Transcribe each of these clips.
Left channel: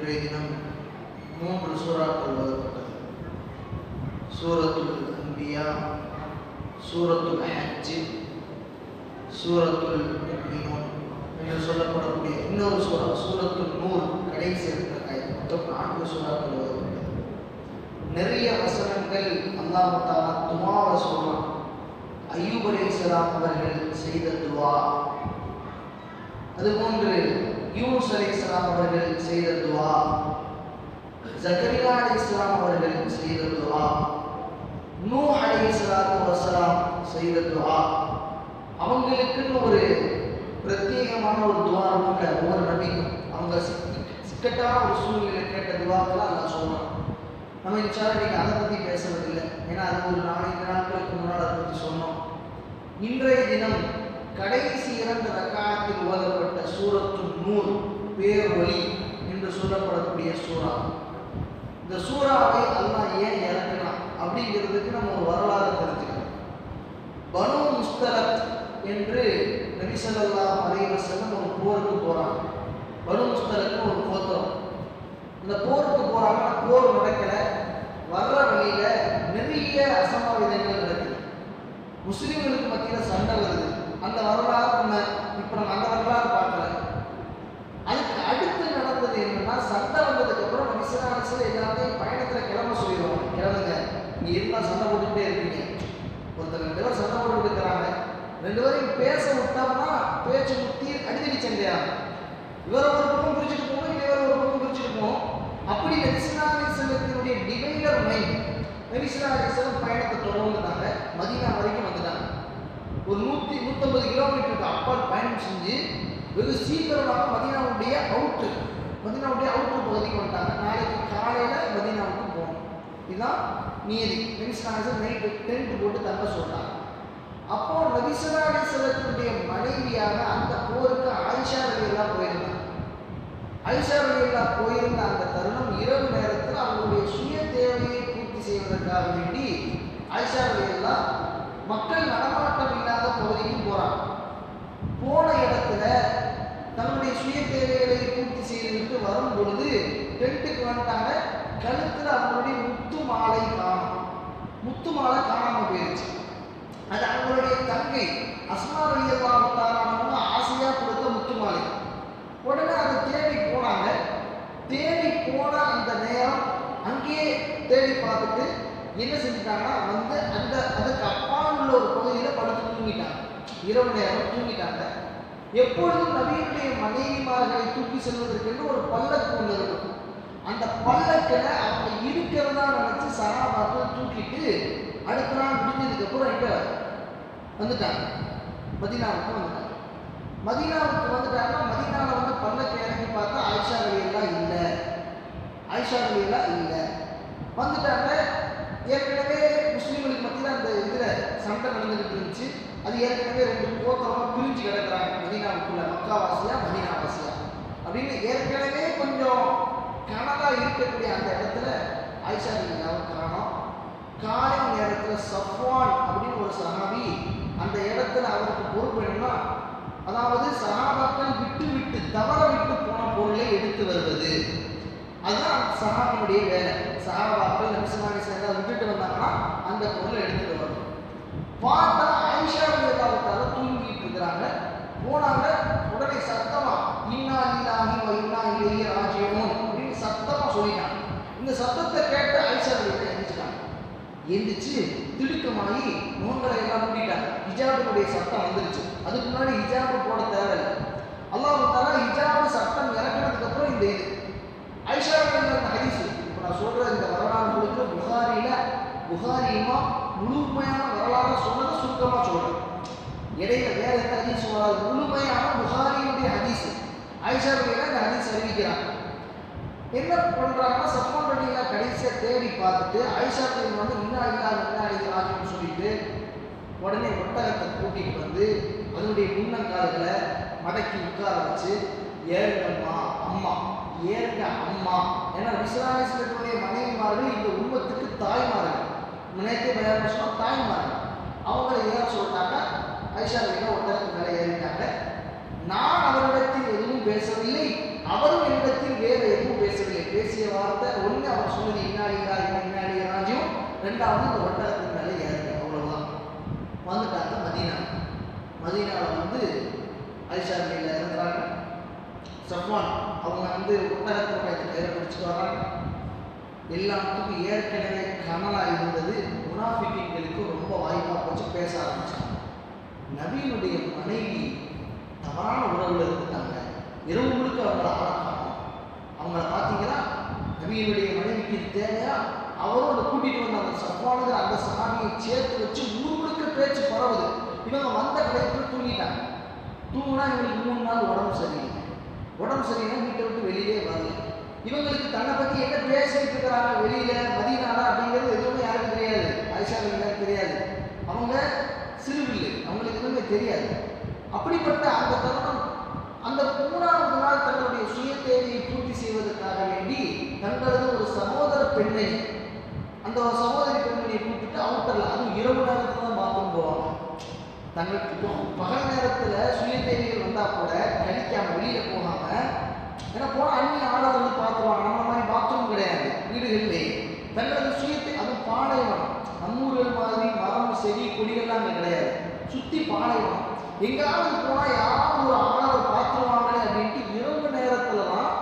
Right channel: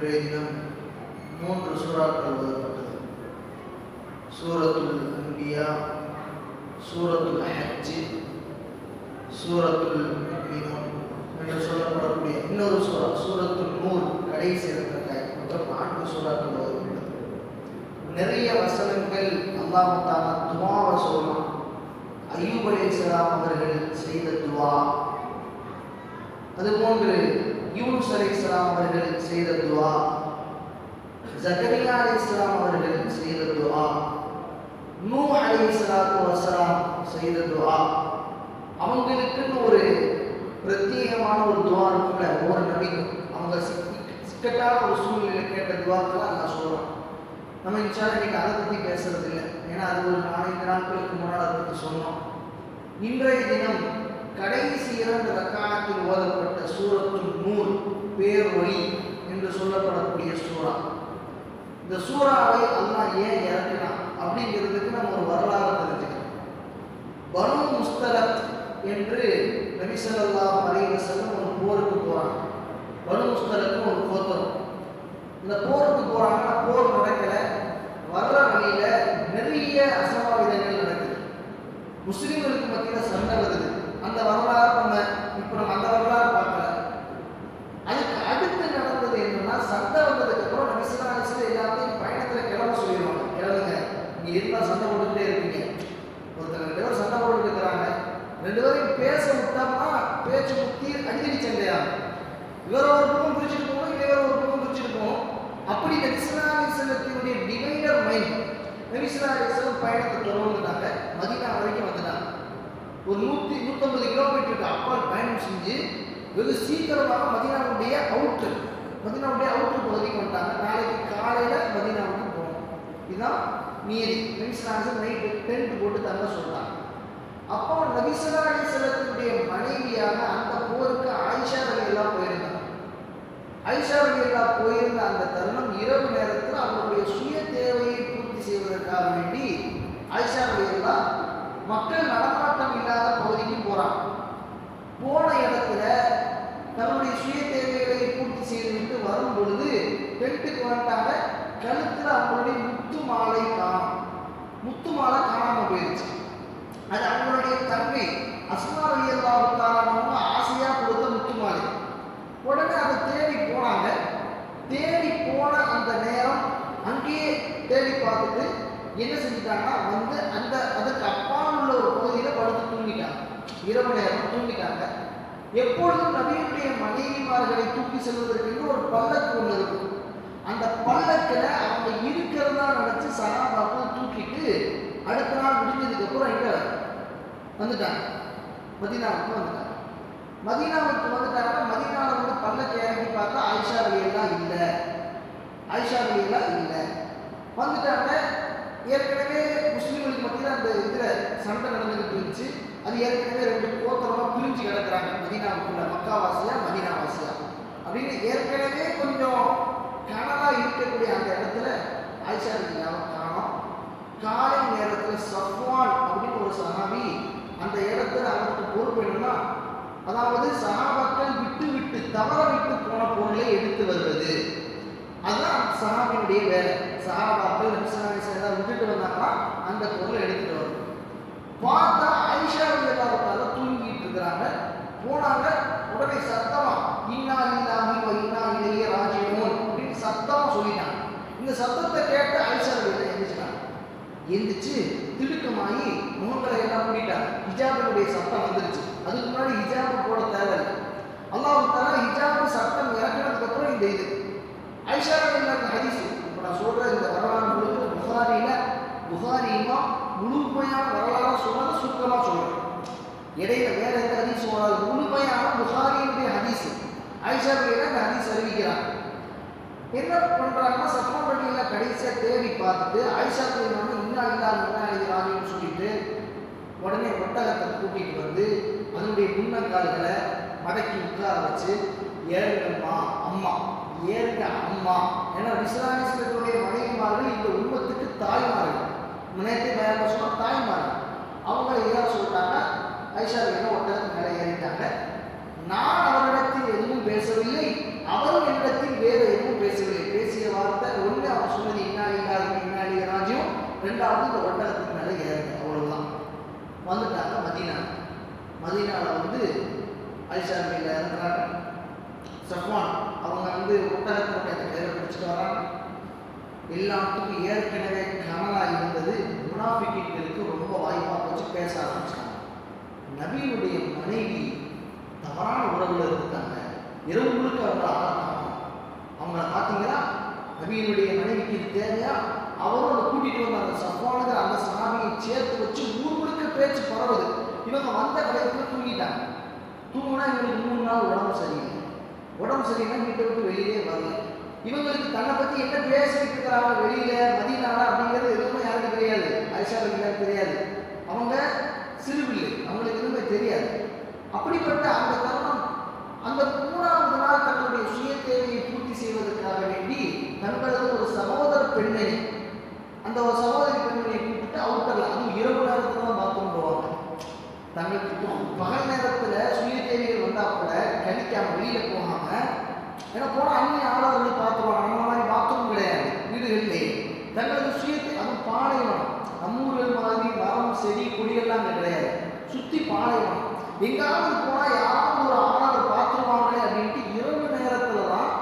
இன்றைய தினம் 3 சூறாக்கள் ஓதப்பட்டது. சூரத்துல் அன்பியா, சூரத்துல் ஹஜ், சூரத்துல் முஃமினூன் என்று சொல்லப்படக்கூடிய இன்னொரு சூரா சூரத்துல் நூர் கடைசி இருக்கிற மொத்தம் 4 சூறாக்கள் ஓதப்பட்டது. நிறைய வசனங்கள் அல்லாஹ் தஆலா துஆவை சொல்றான். அய்யூப் அலைஹிஸ்ஸலாம் அவர்கள் செய்த துஆ, அதுபோன்று யூனுஸ் அலைஹிஸ்ஸலாம் அவர்கள் செய்த துஆ, ஜக்கரியா அலைஹிஸ்ஸலாம் அவர்கள் செய்த துஆ, நூஹ் அலைஹிஸ்ஸலாத்து வஸலாம் செய்த துஆ, அவங்களுக்குன்னு ஒரு பிரத்யேகமான ஒரு துஆ இருக்குல்ல, ஒவ்வொரு நபிக்கும் அவங்க சிக்கட்டான ஒரு சூழ்நிலை கேட்ட துஆக்களை அல்லாஹ் சொல்றான். நம்ம இன்ஷால்லா இன்னைக்கு அதை பற்றி பேசுறது இல்லை, ஏன்னா அது ஒரு 4 நாட்களுக்கு முன்னால் அதை பற்றி சொன்னோம். இன்றைய தினம் கடைசி 2 ரக்காத்தில் ஓதப்பட்ட சூரத்துல் நூர் பேரொளி என்று சொல்லப்படக்கூடிய சூறா. இந்த சூறாவை அல்லாஹ் ஏன் இறக்கினான் அப்படிங்கிறதுக்கு நம்ம ஒரு வரலாறு தெரிஞ்சுக்கணும். பனு முஸ்தலக் என்று நபி ஸல்லல்லாஹு அலைஹி வஸல்லம் ஒரு போருக்கு போறாங்க. பனு முஸ்தலக் ஒரு கோத்திரம். இந்த போருக்கு போறாங்க, போர் நடக்கல, வர்ற வழியில நிறைய அசம்பாவிதங்கள் நடக்குது. முஸ்லிம்களுக்கு மத்தியில் சண்டை வருது. அந்த வரலாறு நம்ம அந்த வரலாறு பார்க்கல. அதுக்கு அடுத்து நடந்தது என்னன்னா, சண்டை வந்ததுக்கு அப்புறம் நபி ஸல்லல்லாஹு அலைஹி வஸல்லம் எல்லாத்தையும் பயணத்துல கிளம்ப சொல்லிடுவாங்க. கிளம்புங்க, நீ எல்லாம் சண்டை போட்டுக்கிட்டே இருப்பீங்க. ஒருத்தர் 2 பேரும் சண்டை போட்டு இருக்கிறாங்க, 2 பேரையும் பேச விட்டோம்னா பேச்சு முத்தி அடிக்கடி சண்டையாகும். இவர் ஒரு பக்கம் பிரிச்சுட்டு போகணும், இவர் ஒரு பக்கம் பிரிச்சுட்டு போகணும். அப்படி நபி ஸல்லல்லாஹு அலைஹி வஸல்லத்தினுடைய டிவைடர் மைண்ட். நபி ஸல்லல்லாஹு அலைஹி வஸல்லம் பயணத்தை தொடர்ந்துட்டாங்க, மதீனா வரைக்கும் வந்துட்டாங்க. ஒரு 150 கிலோமீட்டருக்கு அப்பால் பயணம் செஞ்சு வெகு சீக்கிரமாக மதீனாவுடைய அவுட்ரு பகுதிக்கு வந்துட்டாங்க. நாளைக்கு காலையில் மதீனாவுக்கு போகணும். இதுதான் மீதி. நபி ஸல்லல்லாஹு அலைஹி வஸல்லம் நைட்டு டென்ட் போட்டு தங்க சொல்றாங்க. அப்போ நபி ஸல்லல்லாஹு அலைஹி வஸல்லத்தினுடைய மனைவியாக அந்த போருக்கு ஆயிஷா ரலியல்லாஹு போயிருந்தாங்க. ஆயிஷா ரலியல்லாஹு போயிருந்த அந்த தருணம் இரவு நேரத்தில் அவங்களுடைய சுய தேவையை பூர்த்தி செய்வதற்காக வேண்டி ஆயிஷா ரலியல்லாஹு மக்கள் நடமாட்டம் இல்லாத பகுதிக்கு போறாங்க. போன இடத்துல தன்னுடைய சுய தேவைகளை பூர்த்தி செய்துவிட்டு வரும் பொழுது டென்ட்டுக்கு வந்துட்டாங்க. கழுத்தில் அவங்களுடைய முத்து மாலை காணாம போயிடுச்சு. அது அவங்களுடைய தங்கை அஸ்மா ரலியல்லாஹு தஆலா ஆசையா கொடுத்த முத்து மாலை. உடனே அதை தேடி போனாங்க. தேடி போன அந்த நேரம் அங்கேயே தேடி பார்த்துட்டு என்ன செஞ்சுட்டாங்கன்னா வந்து அதுக்கு அப்பால் உள்ள ஒரு பகுதியில் படுத்து தூங்கிட்டாங்க. இரவு நேரம் தூங்கிட்டாங்க. எப்பொழுதும் நபியுடைய மனைவிமார்களை தூக்கி செல்வதற்கு ஒரு பல்லக்கு ஒன்று இருக்கும். அந்த பல்லக்கில் அவங்க இருக்கிறதா நினைச்சு சஹாபாக்கள் தூக்கிட்டு அடுத்த நாள் முடிஞ்சதுக்கு அப்புறம் இங்க வந்துட்டாங்க, மதீனாவுக்கு வந்துட்டாங்க. மதீனாவில் வந்து பல்லக்கை இறங்கி பார்த்தா ஆயிஷா ரலியல்லாஹு இல்லை வந்துட்டாங்க. ஏற்கனவே முஸ்லீம்களுக்கு மத்தியில் அந்த இதில் சண்டை நடந்துகிட்டு இருந்துச்சு. அது ஏற்கனவே 2 கோத்திரமாக பிரிஞ்சு கிடக்கிறாங்க. மதீனாவுக்குள்ள மக்காவாசியா மதீனாவாசியா அப்படின்னு ஏற்கனவே கொஞ்சம் கனவாக இருக்கக்கூடிய அந்த இடத்துல ஆயிஷா ரலியல்லாஹு காணோம். காலை நேரத்தில் சஃப்வான் அப்படின்னு ஒரு சஹாபி அந்த இடத்துல அவருக்கு பொறுப்பு என்னன்னா, அதாவது சஹாபாக்கள் விட்டு தவற விட்டு போன பொருளை எடுத்து வருவது. அதுதான் சஹாபியுடைய வேலை. சஹாபாக்கள் நபி ஸல்லல்லாஹு அலைஹி வஸல்லம் விட்டுட்டு வந்தாங்கன்னா அந்த பொருளை எடுத்துட்டு வரணும். பார்த்தா ஆயிஷா ரலியல்லாஹு தஆலா தூங்கிட்டு இருக்கிறாங்க. போனாங்க, உடனே சத்தமா இன்னா லில்லாஹி வ இன்னா இலைஹி ராஜிஊன் அப்படின்னு சத்தமா சொல்லிட்டாங்க. இந்த சத்தத்தை கேட்டு ஆயிஷா ரலியல்லாஹு எழுந்திரிச்சிட்டாங்க. எழுந்திரிச்சு திடுக்கமாகி முகங்களை எல்லாம் மூடிட்டாங்க. ஹிஜாபினுடைய சத்தம் வந்துருச்சு. அதுக்கு முன்னாடி ஹிஜாப் போட தேவையில்லை. அல்லாஹ் தஆலா ஹிஜாப் சட்டம் இறக்கினதுக்கு அப்புறம் இந்த இது ஆயிஷா ரலியல்லாஹு ஹதீஸ். இப்போ நான் சொல்ற இந்த வரலாறு முழுக்க புகாரியுமா முழுமையான வரலாறு சொன்னதை சுருக்கமாக சொல்றேன். இடையில வேற எந்த ஹதீஸ் சொல்லாது. முழுமையான புகாரியுடைய ஹதீஸ். ஆயிஷா ரலியல்லாஹு இந்த ஹதீஸ் அறிவிக்கிறாங்க. என்ன பண்றாங்கன்னா, சஃப்வான் ரலியல்லாஹு கடைசியா தேடி பார்த்துட்டு ஆயிஷா ரலியல்லாஹு இன்னா இலைஹி ராஜிஊன் சொல்லிட்டு உடனே ஒட்டகத்தை கூட்டிட்டு வந்து அதனுடைய முன்னங்கால்களை மடக்கி உட்கார வச்சு ஏறுங்கம்மா அம்மா ஏறுங்க அம்மா. ஏன்னா விஸ்வாசத்துடைய மனைவிமார்கள் இந்த உண்மத்துக்கு தாய்மார்கள். நேரத்தை பயான் சொன்னா தாய்மார்கள். அவங்கள ஏற சொல்லிட்டாங்க. ஆயிஷா ரலியல்லாஹு ஒட்டகத்துக்கு மேலே ஏறிட்டாங்க. நான் அவரிடத்தில் எதுவும் பேசவில்லை, அவரும் என்னிடத்தில் வேறு எதுவும் பேசவில்லை. வார்த்தை, ஒன்று அவர் சொன்னது இன்னாலி ராஜ்யம், ரெண்டாவது இந்த ஒட்டகத்துக்கு மேலே ஏறுங்க, அவ்வளோதான். வந்துட்டாங்க மதீனாவில் வந்து ஆயிஷா ரலியல்லாஹு இறங்குறாங்க. சஃப்வான் அவங்க வந்து ஒட்டகத்தில் போய் கயிறை பிடிச்சிட்டு வராங்க. எல்லாத்துக்கும் ஏற்கனவே கனலாக இருந்தது. முனாஃபிக்குகளுக்கு ரொம்ப வாய்ப்பாக போச்சு, பேச ஆரம்பிச்சாங்க. நபியினுடைய மனைவி தவறான உறவில் இருந்துட்டாங்க, இரவு முழுக்க அவங்கள ஆளாக்கணும். அவங்கள பார்த்தீங்கன்னா நபியினுடைய மனைவிக்கு தேவையா அவரும் அதை கூட்டிகிட்டு வந்த அந்த சஃப்வானுங்கிற அந்த சாமியை சேர்த்து வச்சு ஊர் முழுக்க பேச்சு பரவுது. இவங்க வந்த கடைக்குள்ள தூங்கிட்டாங்க. தூங்கினா இவங்களுக்கு 3 நாள் உடம்பு சரியில்லை, வீட்டை விட்டு வெளியிலே வரல. இவங்களுக்கு தன்னை பற்றி என்ன பேசிட்டு இருக்கிறாங்க வெளியில மதீனால அப்படிங்கிறது எதுவுமே யாருக்கும் தெரியாது. ஆயிஷா ரலியல்லாஹு தெரியாது. அவங்க சிறுபிள்ளை, அவங்களுக்கு எதுவுமே தெரியாது. அப்படிப்பட்ட அந்த தருணம், அந்த 3ஆவது நாள் தன்னுடைய சுய தேவையை பூர்த்தி செய்வதற்காக வேண்டி தங்களது ஒரு சகோதர பெண்ணை, அந்த ஒரு சகோதரி பெண்மணியை கூப்பிட்டு அவுட்டர்ல, அதுவும் இரவு நேரத்தில் தான் பாத்ரூம் போவாங்க. தங்களுக்கு பகல் நேரத்தில் சுய தேவைகள் வந்தால் கூட கணிக்காம வெளியில போகாம, ஏன்னா போனால் அந்நிய ஆளாக வந்து பார்த்துருவாங்க. நம்ம மாதிரி பாத்ரூம் கிடையாது வீடுகளிலே. தங்களது சுயத்தை, அது பாலைவனம், நம்ம ஊர்கள் மாதிரி மரம் செடி கொடிகள்லாம் அங்கே கிடையாது, சுற்றி பாலைவனம். எங்காவது போனால் யாராவது ஒரு ஆளாக பார்த்துருவாங்களே அப்படின்ட்டு இரவு நேரத்தில் தான்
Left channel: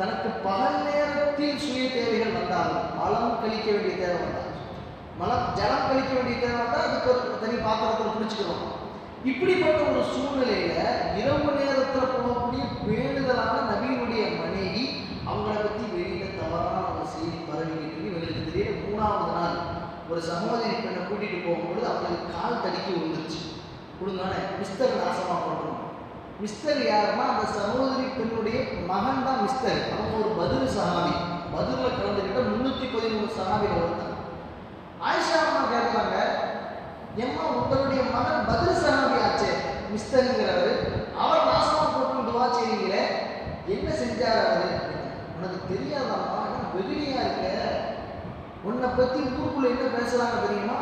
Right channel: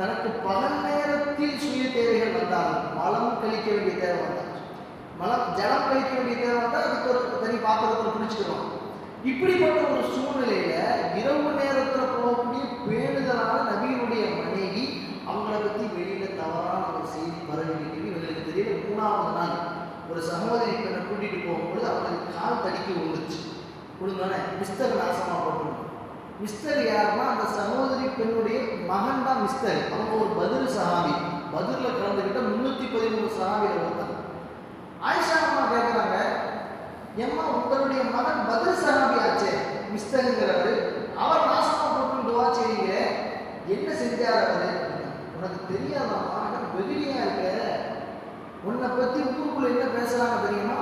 தனக்கு பகல் நேரத்தில் சுய தேவைகள் வந்தாலும், மலம் கழிக்க வேண்டிய தேவை வந்தால், ஜலம் கழிக்க வேண்டிய தேவை வந்தால் அதுக்கு ஒரு தனி பாத்திரத்தில் பிடிச்சிக்கிறோம். இப்படிப்பட்ட ஒரு சூழ்நிலையில இரவு நேரத்தில் போகக்கூடிய பேணுதலான நபியினுடைய மனைவி அவங்கள பற்றி வெளியில தவறான ஒரு செய்தி பரவிக்கிட்டு இவங்களுக்கு தெரியல. 3ஆவது நாள் ஒரு சகோதரி பெண்ணை கூட்டிட்டு போகும்போது அவங்களுக்கு கால் தடிக்க விழுந்துச்சு. விழுந்தோடனே மிஸ்டர் நாசமா போட்டணும். மிஸ்டர் யாருன்னா அந்த சகோதரி பெண்ணுடைய மகன் தான் மிஸ்டர். அவங்க ஒரு பத்ர் சஹாபி, பத்ரில் கலந்துக்கிட்ட 313 சஹாபிகள் வந்தாங்க. ஆயிஷா அம்மா கேட்குறாங்க, ஏம்மா உங்களுடைய மகன் பத்ர் சஹாபி ஆச்சே மிஸ்டருங்கிறவர், அவர் நாசமா போட்டு துவா செய்வீங்களே, என்ன செஞ்சார் அவரு? உனக்கு தெரியாதாம்மா, வெகுளியா இருக்க, உன்னை பத்தி ஊருக்குள்ள என்ன பேசுறாங்க தெரியுமா?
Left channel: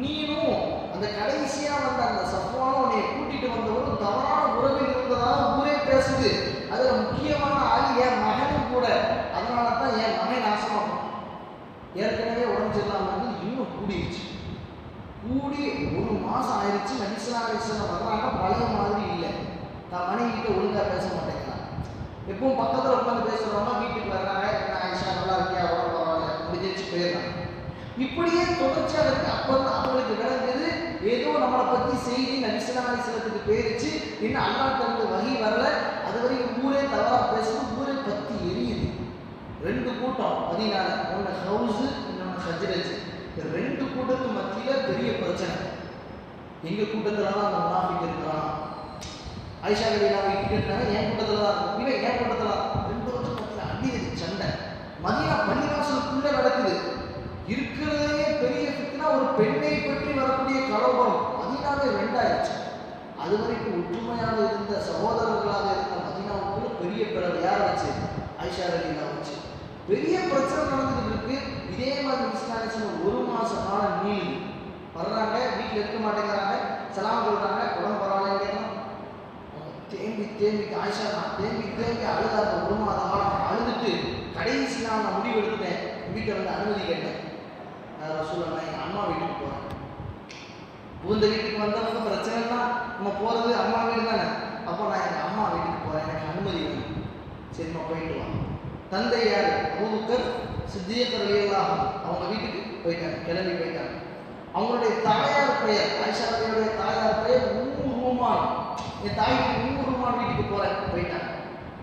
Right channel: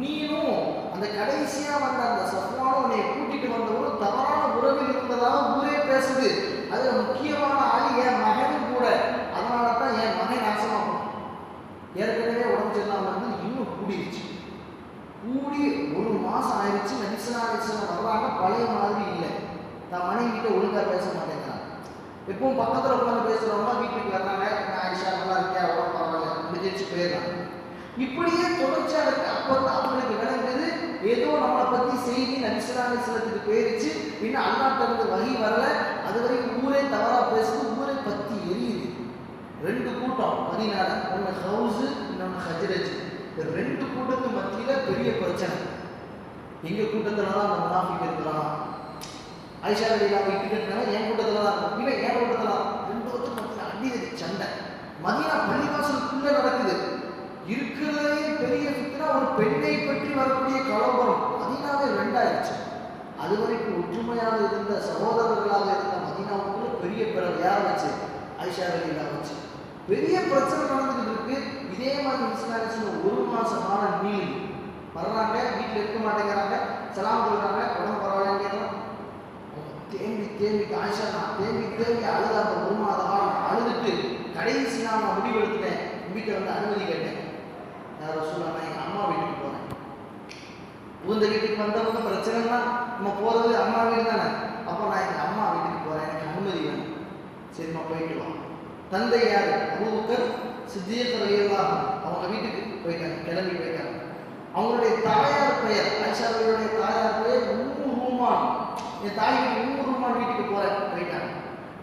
நீனும் அந்த கடைசியா வந்த அந்த சஃப்வானும் உன்னை கூட்டிட்டு வந்தவரும் தவறான உறவில் இருந்ததாக ஊரே பேசுது. அதுல முக்கியமான ஆள் என் மகன் கூட. அதனால தான் என் மகன் நாசமா போனான். ஏற்கனவே உடம்பு சரியில்லாம வந்து இன்னும் கூடிடுச்சு. கூடி 1 மாசம் ஆயிடுச்சு. நபி ஸல்லல்லாஹு அலைஹி வஸல்லம் வர்றாங்க, பழைய மாதிரி இல்லை. தான் மனைவிட்ட ஒழுங்கா பேச மாட்டேங்கிறாங்க. எப்பவும் பக்கத்தில் உட்காந்து பேசுகிறவங்க வீட்டுக்கு வர்றாங்க, ஆயிஷா நல்லா இருக்கியா, அவ்வளோ பரவாயில்ல, முடிஞ்சிச்சு போயிடலாம். இப்படியே தொடர்ச்சியாக இருக்கு. அப்போ தான் அவங்களுக்கு விளங்குது, ஏதோ நம்மளை பற்றி செய்தி நபி ஸல்லல்லாஹு அலைஹி வஸல்லத்துக்கு போயிடுச்சு. இன்னும் அல்லாஹ் தனது வஹி வரல. அது வரைக்கும் ஊரே தவறாக பேசுது, ஊரே பற்றி எரியுது. 2 கூட்டம் மதீனால, ஒன்று ஹவுஸு, இன்னொன்று ஹஜ்ரஜ். இந்த 2 கூட்டத்துக்கு மத்தியில் பெரிய பிரச்சனை. எங்கள் கூட்டத்தில் தான் அந்த முனாஃபிக் இருக்கிறான். ஆயிஷா ரலியல்லாஹு இட்டுக்கிட்டாங்க, என் கூட்டத்தில் தான் இருக்கும். இல்லை, என் கூட்டத்தில் தான். 2 வருஷம் மத்தியில் அடியது சண்டை. மதீனா பள்ளிவாசலுக்குள்ளே நடக்குது. இருக்கிறதே பெரிய ஃபித்னா, ஒரு பெண்ணை பற்றி வரக்கூடிய கலவரம். மதீனாவே 2 ஆயிடுச்சு. அது வரைக்கும் ஒற்றுமையாக இருந்த சகோதரர்களாக இருந்த மதீனாவுக்குள்ள பெரிய பிறகு யார் வச்சு? ஆயிஷா ரலியல்லாஹு வச்சு பெரிய பிரச்சனை நடந்துட்டு இருக்கு. இதே மாதிரி இஸ்லாமிய 1 மாச காலம் நீளி வர்றாங்க, வீட்டில் இருக்க மாட்டேங்கிறாங்க, சலாம் சொல்றாங்க, உடம்பு பரவாயில்லைங்க. தேம்பி ஆயிஷா நான் தேம்பி அழுதாங்க. 1 மாத காலம் அழுதுட்டு கடைசி நான் முடிவு எடுத்துட்டேன். வீட்டை வந்து அனுமதி கேட்டேன். ரசூலுல்லாஹ் எங்கள் அம்மா வீட்டுக்கு போகிறேன். உந்த வீட்டுக்கு வந்தவங்க பிரச்சனைலாம் நம்ம போகிறது அம்மா வீடு தானே. அப்போ நான் எங்கள் அம்மா வீட்டுக்கு போகிறேன், எனக்கு அனுமதி வேணும். சரிம்மா போயிட்டு வா. தந்தை யார்? அபூபக்கர் சித்திக் ரலியல்லாஹு அன்ஹு. அவங்க வீட்டுக்கு போயிட்டாங்க, கிளம்பி போயிட்டாங்க. அவங்களுடைய தாயார் பெயர், ஆயிஷாவுடைய தாயார் பெயர் உம்மு ரூமான். என் தாய்க்கு உம்மு ரூமான் வீட்டுக்கு போயிட்டாங்க.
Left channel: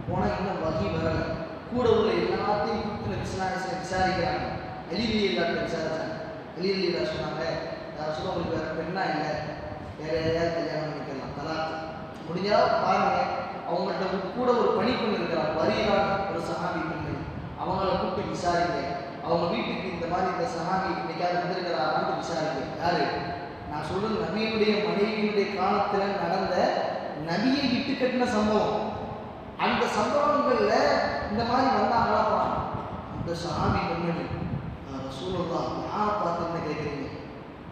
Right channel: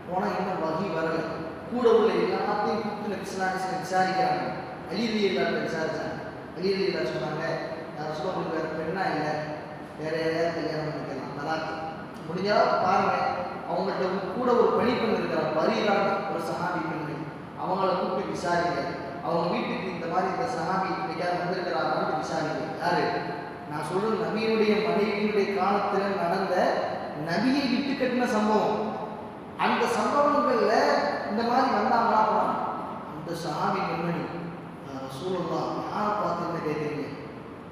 போனால் இன்னும் வகி வரலை. கூட உள்ள எல்லாத்தையும் கூப்பிட்டு விசாரிக்கிறாங்க. அலி ரலியல்லாஹு விசாரிச்சாங்க. அலி ரலியல்லாஹு சொன்னாங்க, சொல்ல உங்களுக்கு வேறு பெண்ணா இல்லை, வேற ஏதாவது கல்யாணம் பண்ணிக்கலாம், தலாக் முடிஞ்சா பாருங்க. அவங்கள்ட்ட கூட ஒரு பணிப்பெண் இருக்கிறாங்க, பரீரான்னு ஒரு சஹாபி பெண்ணு. அவங்கள கூப்பிட்டு விசாரிங்க. அவங்க வீட்டுக்கு இந்த மாதிரி இந்த சஹாபி இன்னைக்காவது வந்திருக்கிறாரான்னு விசாரிங்க. யாரு? நான் சொல்றது நபியுடைய மனைவியுடைய காலத்தில் நடந்த நபியை விட்டு கட்டின சம்பவம். அந்த சம்பவங்கள்ல இந்த மாதிரி வந்தாங்களா? அந்த சஹாபி பெண்மணி ரசூலுல்லாஹ் யாரை பார்த்து என்ன கேட்குறீங்க?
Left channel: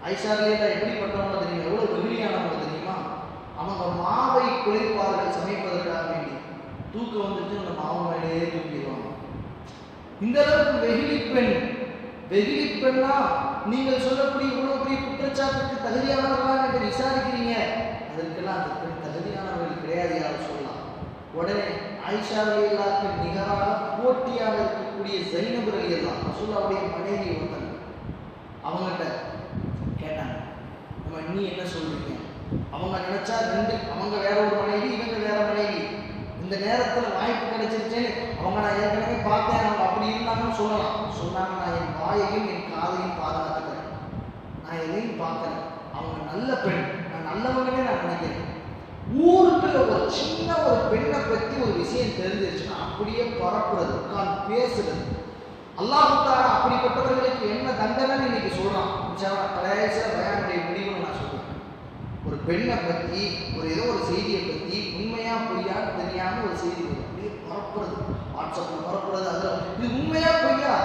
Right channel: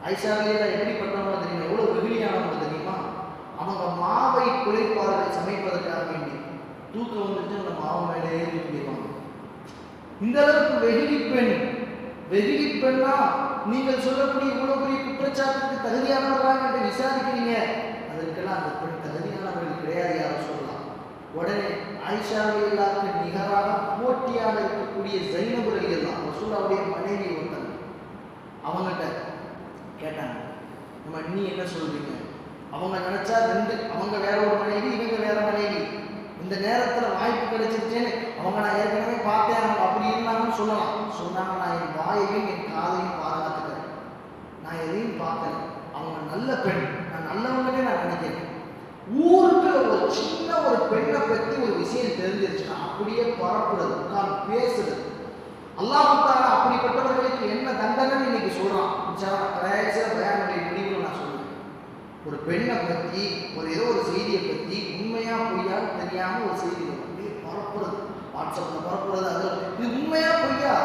ஆயிஷா ரலியல்லாஹு எப்படிப்பட்டவங்க தெரியுமா? எவ்வளோ வெகுளியானவங்க தெரியுமா? அவங்க மாவை குறைப்பார்கள் சமைப்பதற்காக வேண்டி. தூக்கம் வந்துட்டு அந்த மாவு மேடையே தூக்கிடுவாங்க. இந்த அளவுக்கு வெகுளி பெண்ணா நீங்கள் சொல்லக்கூடிய இவ்வளவு பெரிய குற்றச்சாட்டுக்கு தகுதியானவர்களா என்று விசாரிக்கிறீங்க. அதற்கெல்லாம் அந்த பெண் தகுதியானவர்கள் கிடையாது யாரும் சொல்லலாம். உடனே ஆயிஷா ரலியல்லாஹு நிகராக போட்டியாக இருக்கக்கூடிய ஸைனப் ரலியல்லாஹு ரசூலுல்லாஹ்வுடைய மனைவி ஒருத்தங்க அவங்ககிட்ட கேட்டாங்க, நம்ம நீ என்ன சொல்றீங்க? அவங்க நினைச்சா அவங்க வேற ஒரு மனைவி, இவங்க வேற மனைவி. இந்த நேரத்தில் வாய்ப்பு கிடைச்சிருச்சேன்னு அவங்க நான் ஏற்கனவே பார்த்தேன், அவங்க அப்படி இருந்தாங்கன்னு சொல்லலாம். சொன்னாங்க, நான் என் வாயையும் என் காதையும் பாதுகாத்துக்கிறேன், நான் எதையும் பார்க்கறேன். அவங்க நல்ல பெண், நான் நல்லவங்களே நான் நினைக்கிறேன். ஊருக்கு ஒரு சின்ன ஒரு பெண்ணை பற்றி ஒரு விஷயம் தெரிஞ்சிருச்சுன்னா அப்படியே பரப்புறது, உட்கார்ந்து பேசுறது. அல்லாஹ் தஆலா அப்படிப்பட்டவர்களுக்கு என்ன தண்டனைன்னு இன்னைக்கு சொல்றான். பயானுடைய முடிவு நான் சொல்றேன். ஒரு பெண்ணை பற்றி ஏதோ ஒரு செய்தியை பற்றி உண்மையா பொய்யா தெரியாம ஒரு செய்தி அப்படியே பரப்புறது, வாட்ஸ்அப்ல பரப்புறது. அது இது உண்மையா பொய்யா?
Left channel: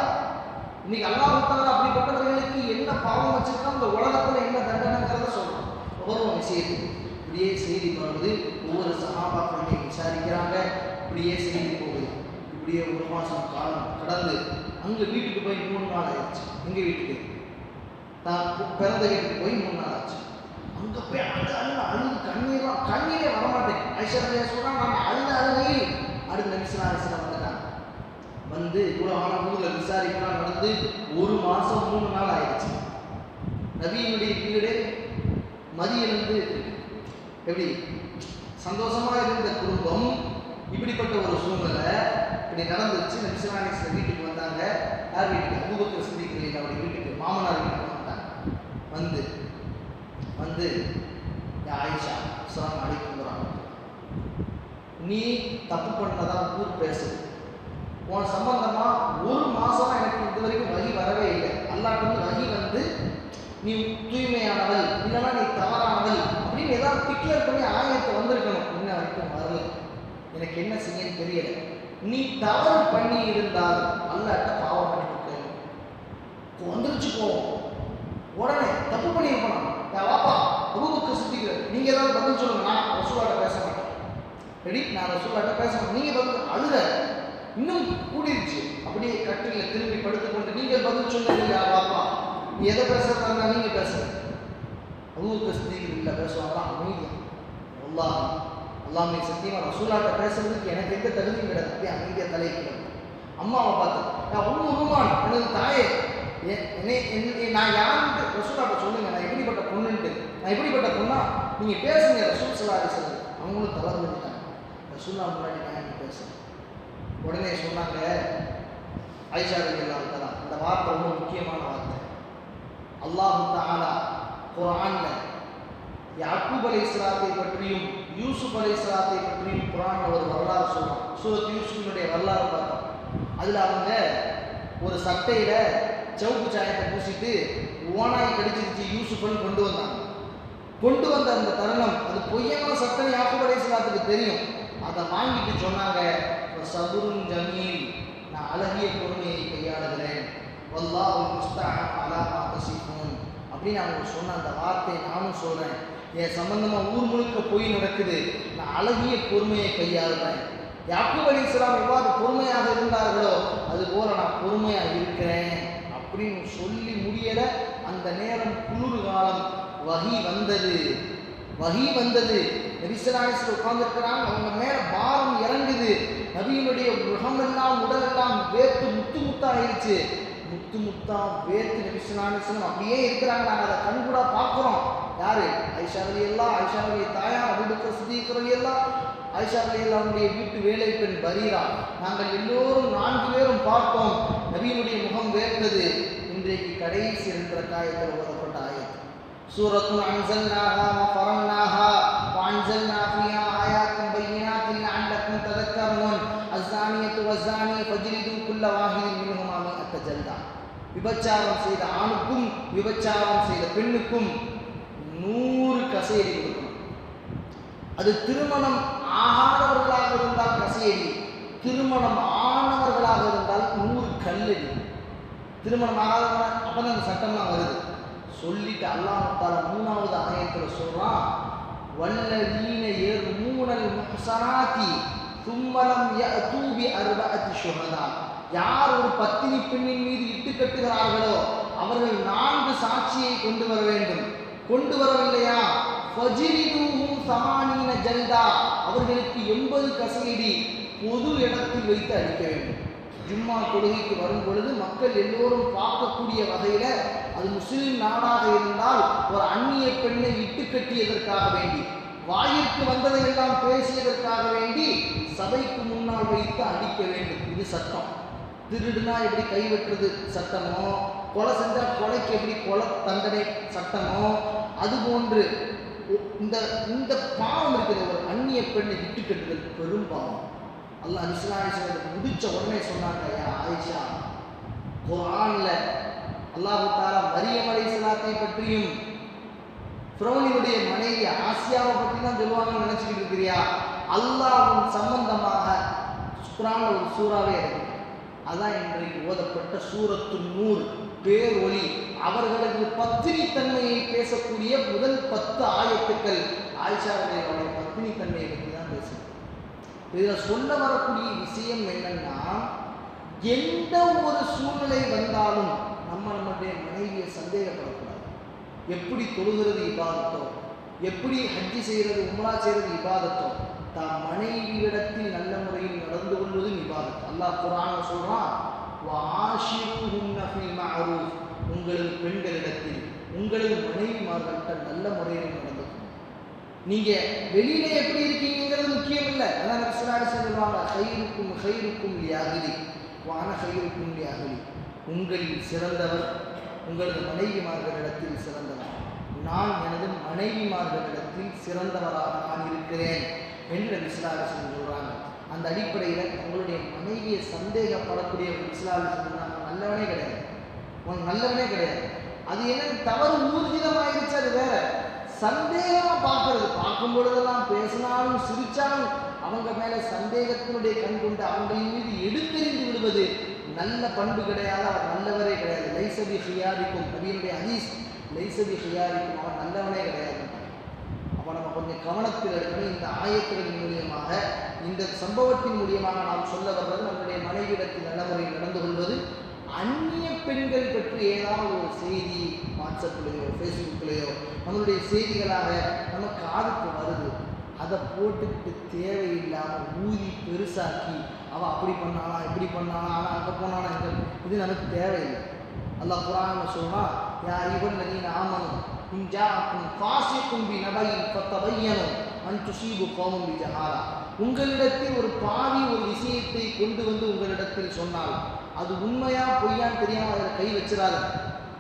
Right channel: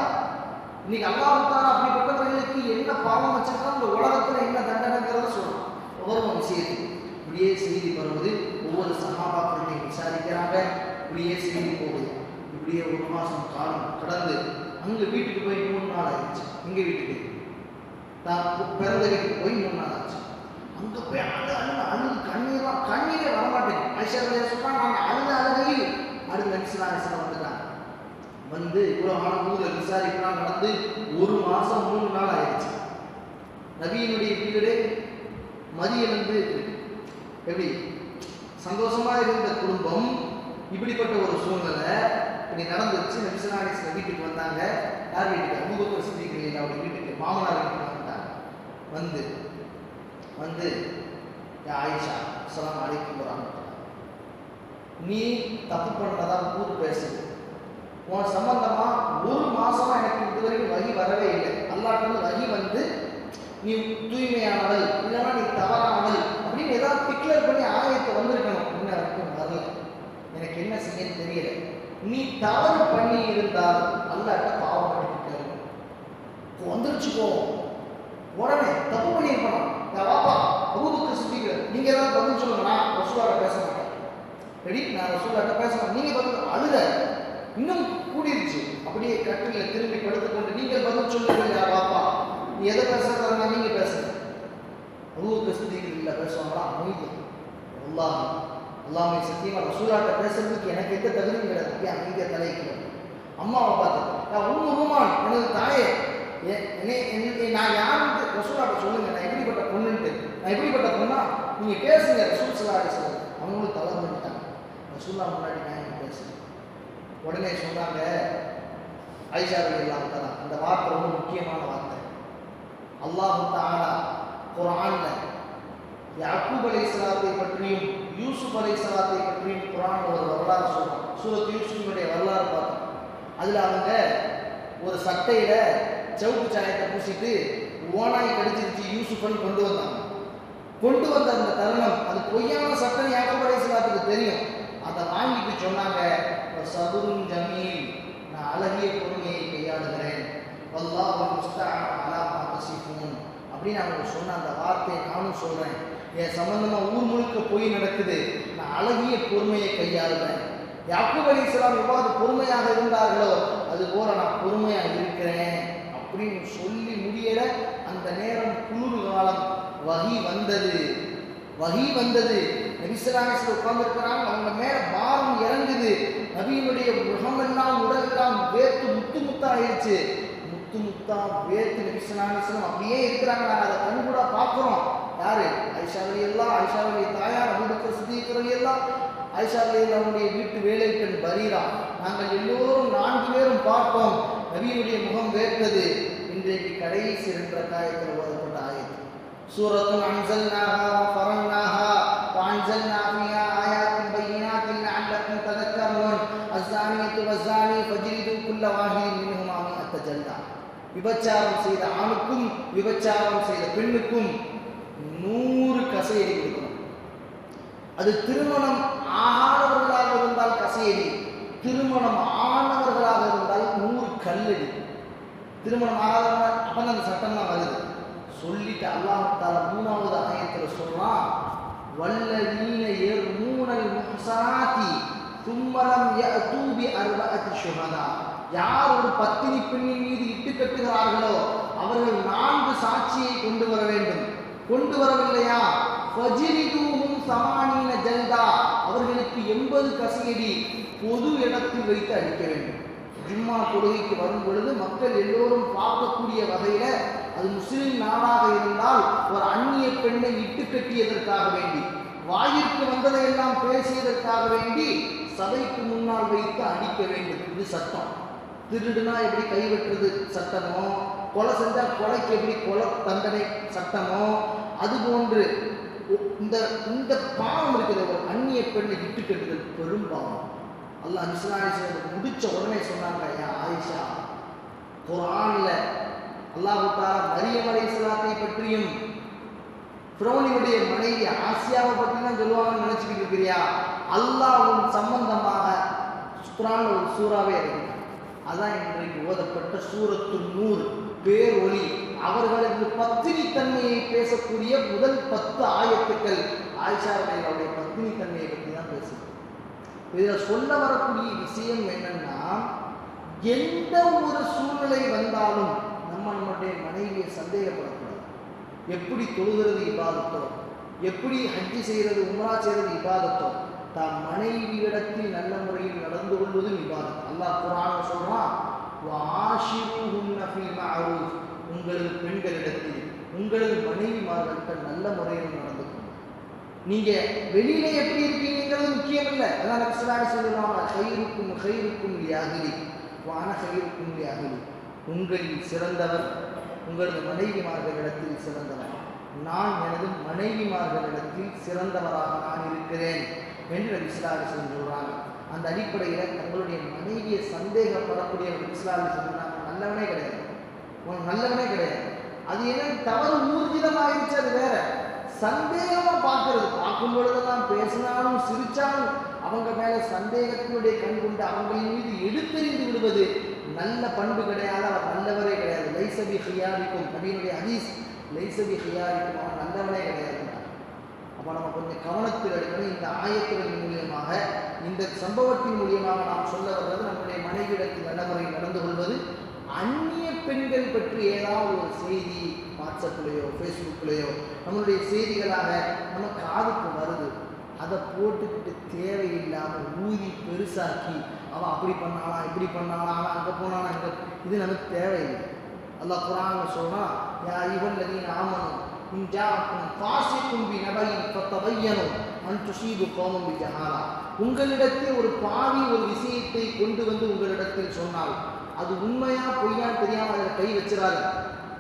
இன்னைக்கு அல்லாஹ் தஆலா அப்படிப்பட்டவர்களுக்கு என்ன பாவம் வச்சிருக்கா, இந்த உலகத்துல என்ன தண்டனைங்கிறத சொல்றான். ஒவ்வொரு விஷயத்துக்கு இப்படியே செய்தி வருவது, ஒவ்வொரு சஹாபாக்களை விசாரிக்கிறாங்க, இப்படியே செய்தி போகுது. இப்படியே ஒரு மாசம் காலம் கடந்து அங்கே வீட்டுக்கு போய் 3 நாள் ஆயிடுச்சு. எங்கள் வீட்டுக்கு தான் பிறந்த வீட்டுக்கு போய் 3 நாள் ஆச்சு. அங்கே போய் அழுது கண்ணீரே வரமாட்டேன். ஐஸ்வர்யா சொன்னா நான் அழுது அடுத்த நிமிஷம் வந்துட்டாங்க. வந்து இவ்வளோ ஆனவங்களை விசாரிக்கலாம் நடந்து 1 மாசம் 3 நாள் ஆயிடுச்சு. நபியினுடைய வீடு மதியிலிருந்து எப்படி சந்தோஷமா இருந்த குடும்பம் இப்படிப்பட்ட ஒரு சூழ்நிலை இப்படி நடந்துச்சு. நபிசுல்லாஹி வீட்டுக்கு வந்தாங்க. யார் வீட்டுக்கு? அபூபக்கர் சித்திக் அவருடைய வீட்டுக்கு, மாமனார் வீட்டுக்கு வந்துட்டாங்க. வந்து ஆயிஷா அஸ்ஸலாமு அலைக்கும் வரஹ்மத்துல்லாஹ், நீ தப்பு பண்ணதா ஊர் பேசுது, உன் சம்பந்தமா 1 மாசமா எனக்கு இதுவரைக்கும் வகி வரவே இல்லை. அல்லாஹ் வகி வந்து நீ தூய்மையானவள் இல்லைன்னா நீ தவறானவள் அப்படின்னு ஏதாவது டிக்ளேர் பண்ணி ஆயத்தை வந்திருக்கணும். இன்ன வரைக்கும் வரல. எனக்கு என்ன செய்யன்னு தெரியல. நீ தவறு பண்ணி இருந்தால் அல்லாஹ்ட்ட பாவம் பண்ணிட்டு வந்துருச்சு போவோம். உடனே தப்பு பண்ணியிருக்கணும். நான் வாப்பா அபூபக்கர் சித்திக், நீங்க ஏதாவது பதில் சொல்லுங்க, நான் ரசூலுல்லாஹ்ட்ட பேச மாட்டேன். ரெடி, நான் ரசூலுல்லாஹ்ட்ட பேச மாட்டேன். நீங்க பதில் அழுத இன்னும் கூடிருச்சு. அப்படியே கட்டில திரும்பி படுத்துக்கொண்டு நீங்க பதில் சொல்லுங்க. வாப்பா நீ எதை பேசுறதா நீங்க பேசுங்க. அபூபக்கர் சித்திக் இல்லை பேசுவாங்க அமைதியா. அல்லாஹ்வே சத்தியமா ரசூலுல்லாஹ்ட்ட பேசுறதுக்கு எனக்கு எந்த தகுதியும் கிடையாது. அப்படியே அமைதியா தலைக்கு அம்மாவை பார்த்து, நான் ரூமான் எனது தாயே, நான் யாருன்ட்டு ரசூலுல்லாஹ்ட்ட சொல்லுங்க, நான் எப்படிப்பட்ட பொண்ணுன்ட்டு, நான் எப்படிப்பட்ட பொண்ணா நீங்க பேசுங்க ரசூல் ஸல்லல்லாஹு அலைஹி வஸல்லம். அவங்களும் தலை வந்துட்டாங்க. ரசூலுல்லாஹ் முன்னாடி நான் என்ன பேசுறேன்? உடனே சொன்னாங்க ஆயிஷா ரலியல்லாஹு தஆலா, இந்த வார்த்தை ரொம்ப முக்கியமான வார்த்தை. அல்லாஹ் தஆலா குர்ஆன்ல யாக்கூப் அலைஹிஸ்ஸலாத்தை பற்றியும் யூசுப் அலைஹிஸ்ஸலாத்தை பற்றியும் குர்ஆன்ல ஒரு வரலாறு சொல்றான். சூரத் யூசுஃபினுடைய வரலாறு பார்த்தோம். அதில் அவங்க ஒரு சட்டையில சவுக்கு சாயத்தை பூசிட்டு ஓனாய் கடிச்சிருச்சு யூசுஃபன் கொண்டு வந்தாங்க. கொண்டு வந்த அந்த தருணம் அது பொய்யான சட்டை யாக்கூப் அலைஹிஸ்ஸலாத்துக்கு தெரியும். அதை வாங்கிட்டு சொன்னாங்க, சபுருன் ஜமீல், நான் அழகிய பொறுமையை கையாளுகிறேன், வல்லாஹு முஸ்தஅன் அலா மா தசிஃபூன் அப்படின்னு அவங்க சொன்ன அந்த வார்த்தையை நானும் சொல்றேன். என் சம்பந்தமாக ஊர் முழுக்க பொய் நடக்குது, நான் அழகிய பொறுமையை கையாளுறேன். யாக்கூப் அலைஹிஸ்ஸலாம் எவ்வாறு பொறுமையாக இருந்தார்களோ அதுபோல நான் பொறுமையாக இருக்கிறேன் அப்படின்னு சொல்லி முடியல. அந்த நேரம் குளிர் காலம், வஹி வந்தது. நபி ஸல்லல்லாஹு அலைஹி வஸல்லம் உட்கார்ந்துருக்கிறாங்க. அவங்க மேல பாரம் இறங்குது. நபியினுடைய முகமெல்லாம் உடலெல்லாம் வேர்த்து முத்தா ஆயிடுச்சு. முத்தா வேர்த்து நபி ஸல்லல்லாஹு அலைஹி வஸல்லம் அப்படியே இருக்கிறாங்க. நாங்கள் அதை கண்கூடா பார்க்குறோம். யாரு? ஆயிஷா ரலியல்லாஹு, ஆயிஷாவுடைய தாயார் அபூபக்கர் சித்திக் ரலியல்லாஹு, ஆயிஷா ரலியல்லாஹுடைய வீட்டு வேலை பெண் பரீரா, நாங்கள் எல்லோரும் 4 பேரும் பார்த்தோம். நபியினுடைய முகம் வேர்த்தது. இன்றைக்கு கடைசி 2 ரக்காயத்தில் ஓதப்பட்ட ஆயத் சூரத்துன் அன்ஸல்னாஹா வஃபரன்னாஹா வஅன்ஸல்னா ஃபீஹா ஆயாத்தின் பையினாத்தின் லஅல்லக்கும் ததக்கரூன் அஸ்ஸானியத்து வஸ்ஸானி ஃபஜ்லிது குல்ல வாஹிதின் மின்ஹுமா மிஅத்த ஜல்தா. விபச்சாரம் செய்த ஆணுக்கும் விபச்சாரம் செய்த பெண்ணுக்கும் 100 கசையடி கொடுக்கணும். அது திருமணம் ஆகாதவர்களாக இருந்தால் கசையடி, திருமணம் ஆனவர்களாக இருந்தால் 100 கல்லடி. திருமணம் ஆகாதவங்க அப்பதான் அந்த சட்டம்லாம் வருது. சொல்லிட்டு அல்லாஹ் தஆலா 3வது ஆயத்தில் சொல்றான், வல்லதீன யர்மூனல் முஹ்ஸனாத்தி ثم لم يأتوا بأربعة شهداء யார் ஒரு பத்தினி பெண்ணின் மீது இட்டு கட்டுகிறார்களோ அவர்கள் 4 சாட்சியை கொண்டு வர வேண்டும். கொண்டு வரவில்லையா ஃபஜ்ரிதுஹும் ஸமானீன ஜல்தா, அவர்களுக்கு 80 கசையடி பொது இடத்தில் வைத்து அடிக்க வேண்டும். ஜும்மா தொழுகைக்கு வரும் பொழுது மக்கள் எல்லோரும் பார்க்கக்கூடிய வகையில், அது முஸ்லிம் நாடாக இருந்தால் ஒரு அந்நிய பெண்ணை இட்டு கட்டியதற்காக வேண்டி, வாயிற்கு வந்ததையெல்லாம் பேசியதற்காக வேண்டி சபைக்கு முன்னால் வைத்து அடிக்க வேண்டும். இது சட்டம். திருடுனா எப்படி கைவெட்டுறது சட்டமோ, கொலை செஞ்சால் கொலைக்கு எப்படி கொலை தண்டனை சட்டமோ, அதுபோன்று இந்த பாவம் இருக்கிற ஒரு அந்நிய பெண்ணை இட்டு கட்டுதல் பெரும் பாவம். அல்லாஹ் இஸ்லாமிய முடிச்ச உடனே சொன்னாங்க, யா ஆயிஷா, குர்ஆன்ல அல்லாஹ் தஆலா மரியம் அலைஹிஸ்ஸலாத்தை பற்றியும் ஃபிரௌனுடைய மனைவி ஆசியாவை பற்றி தான் சொல்லுவாங்கன்னு நினைச்சிட்டு இருக்கிறியா? அல்லாஹ்வின் சம்பந்தமாக குர்ஆன்ல ஒரு சூறாவே இருக்கு. அதான் இன்றைக்கு ஓதப்பட்ட சூரத்துன் நூர், பேர் ஒளி. அவர்களுக்கு பத்தினி தன்மையை பேசக்கூடிய முதல் 10 ஆயத்துக்கள் ஆயிஷா அவருடைய பத்தினி தன்மையை பற்றி தான் பேசுது. இதில் சொல்ல வரக்கூடிய விஷயம் என்னன்னா, எந்த ஒரு சூழ்நிலை வந்தாலும் நம்மளுடைய மனைவியை சந்தேகப்படக்கூடாது. எப்படி தொழுகிறது இபாதத்தோ, எப்படி ஹஜ்ஜி செய்கிறது உம்ரா செய்கிறது இபாதத்தோ, தம் மனைவியிடத்தில் நல்ல முறையில் நடந்து கொள்வதும் இபாதத். அல்லாஹ் குர்ஆன்ல சொல்றான், வஆஷிருஹுன்ன ஃபில் மஅரூஃப், உங்களது பெண்களிடத்தில் உங்களது மனைவிமார்கள்ட்ட நல்ல முறையில் நடந்துக்கணும். நீங்க வெளியில எப்படி இருக்கீங்கிறது முக்கியம் இல்லை. அதான் நபிசுல்லாஹி சொல்லுவாங்க, கைருக்கும் கைருக்கும் லிஅஹ்லி வான கைருக்கும் லிஅஹ்லி, உங்களில் சிறந்தவர் உங்களது மனைவிமார்களிடத்தில் சிறந்தவர், நான் எனது மனைவிமார்களிடத்தில் சிறந்தவராக நான் இருக்கிறேன் என்று நபிசுல்லாஹி சொல்றாங்க. அந்த அடிப்படையில் தங்களுடைய மனைவியை சந்தேகப்படக்கூடிய நபிசுல்லாஹி சொல்றாங்க, நல்லவனே கிடையாது, உனக்கு நல்லவனே கிடையாது. அது என்ன தவறு ஊர்ஜிதமாயிருச்சு, அது வேற. சந்தேகமாக பார்க்கறது, பார்க்கும் பொழுதெல்லாம் பேசினாலும் சிரிச்சாலும் அவங்க மேலே சந்தேகத்தினுடைய கண் கொண்டு அவங்களின் மீது எடுத்தெறிந்து விடுவது நல்ல பண்பு கிடையாது. அவர் நல்லவரே கிடையாது. லைசபி ஹியாரிக்கும், நபியினுடைய ஹதீஸ், லைசபி ஹியாரிக்கும், அவர் நல்லவனே கிடையாது. அப்போ நம்ம கொஞ்சம் கவனத்தில் இருக்கணும். இந்த ஆயத்துகளின் மூலியமாக, இந்த சம்பவத்தின் மூலியமாக நாம் சொல்ல வர்றது, நம்முடைய மனைவியிடத்தில் நல்ல முறையில் நடந்து கொள்வது. அந்நிய பெண்கள் பற்றி ஏதாவது ஒரு செய்தி வாட்ஸ்அப்லேயோ ஃபேஸ்புக்லேயோ நம்மளுடைய செய்திகளாக நம்ம காதுக்கு வருது, அதை போட்டுக்கிட்டு தேவையில்லாமல் ஊதி பெருசாக்கி அவன் அப்படி பண்ணானா இப்படி பண்ணானா அவன் அங்கே போனானா இங்கே, இது நமக்கு தேவையில்லை. அல்லாஹ் குர்ஆன்ல சொல்றா, யா அய்யுஹல்லதீன ஆமனூ இன் ஜாஅக்கும் ஃபாஸிகுன் பினபையின் ஃபதபையனூ அன் துஸீபு கௌமன் பிஜஹாலா, உங்களிடத்தில் ஒரு பாவி ஒரு விஷயத்தை கொண்டு வந்து உங்களிடத்தில் சொன்னால் அது உண்மையா பொய்யான்னு தெரியாமல் அதில் கை வச்சிடாது.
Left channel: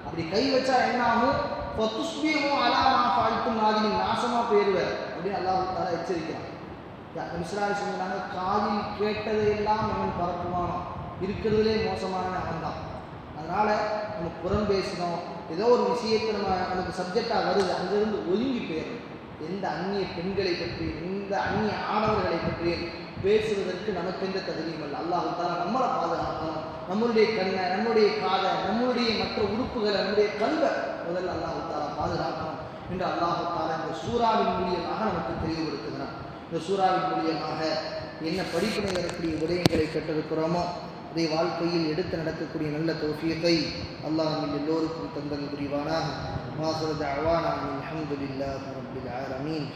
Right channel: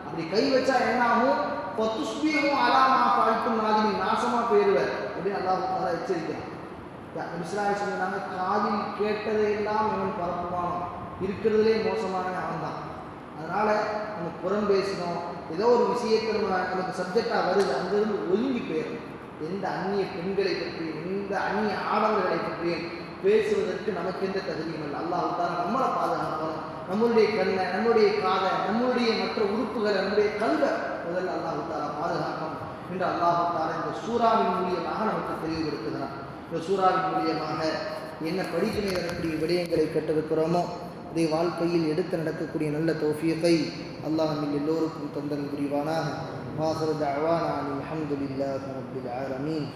அப்படி கை வச்சா என்ன ஆகும்? ஃபதுஸ்பிஹு அலா மா ஃபஅல்தும் நாதிமின், நாசமாக போயிடுவார் அப்படின்னு அல்லாஹ் தஆலா எச்சரிக்கிறான். நபிசுல்லாஹி சொன்னாங்க, காதில் கேட்டதையெல்லாம் அவன் பரப்புவானோ, இருக்கிறதுலே மோசமானவன் அவன் தான். அதனால் நம்ம புறம் பேசணும், ஏதோ ஒரு விஷயத்தை நமக்கு சப்ஜெக்டாக வருது, அங்கிருந்து ஒதுங்கி போயிடணும். எந்த அந்நிய பெண்களை பற்றியும் எந்த அந்நிய ஆடவர்களை பற்றியும் பேசுவதற்கு நமக்கு எந்த தகுதியும் இல்லை. அல்லாஹ் தஆலா நம்மளை பாதுகாக்கணும். நம்மளுடைய கண்ணை, நம்முடைய காதை, நம்மளுடைய மற்ற உறுப்புகளை, நம்முடைய கல்வை முதல்ல அல்லாஹ் தஆலா பாதுகாக்கணும் என்று அல்லாஹ் தஆலா இந்த சூறாவின் மூலியமாக நமக்கு தெளிவுபடுத்துகிறான். இந்த சூறாவின் மூலியமாக என்ன படிப்பினை வரக்கூடிய விடயங்களை கேட்டிருக்கிறோமோ அதை வாழ்க்கையில் எடுத்து நடக்கக்கூடிய நல்ல தௌஃபீகை அல்லாஹ் நம்ம எல்லோருக்கும் தந்தல் புரிவானாக. வாஹிரு தஅவானா அல்ஹம்துலில்லாஹி ரப்பில் ஆலமீன்.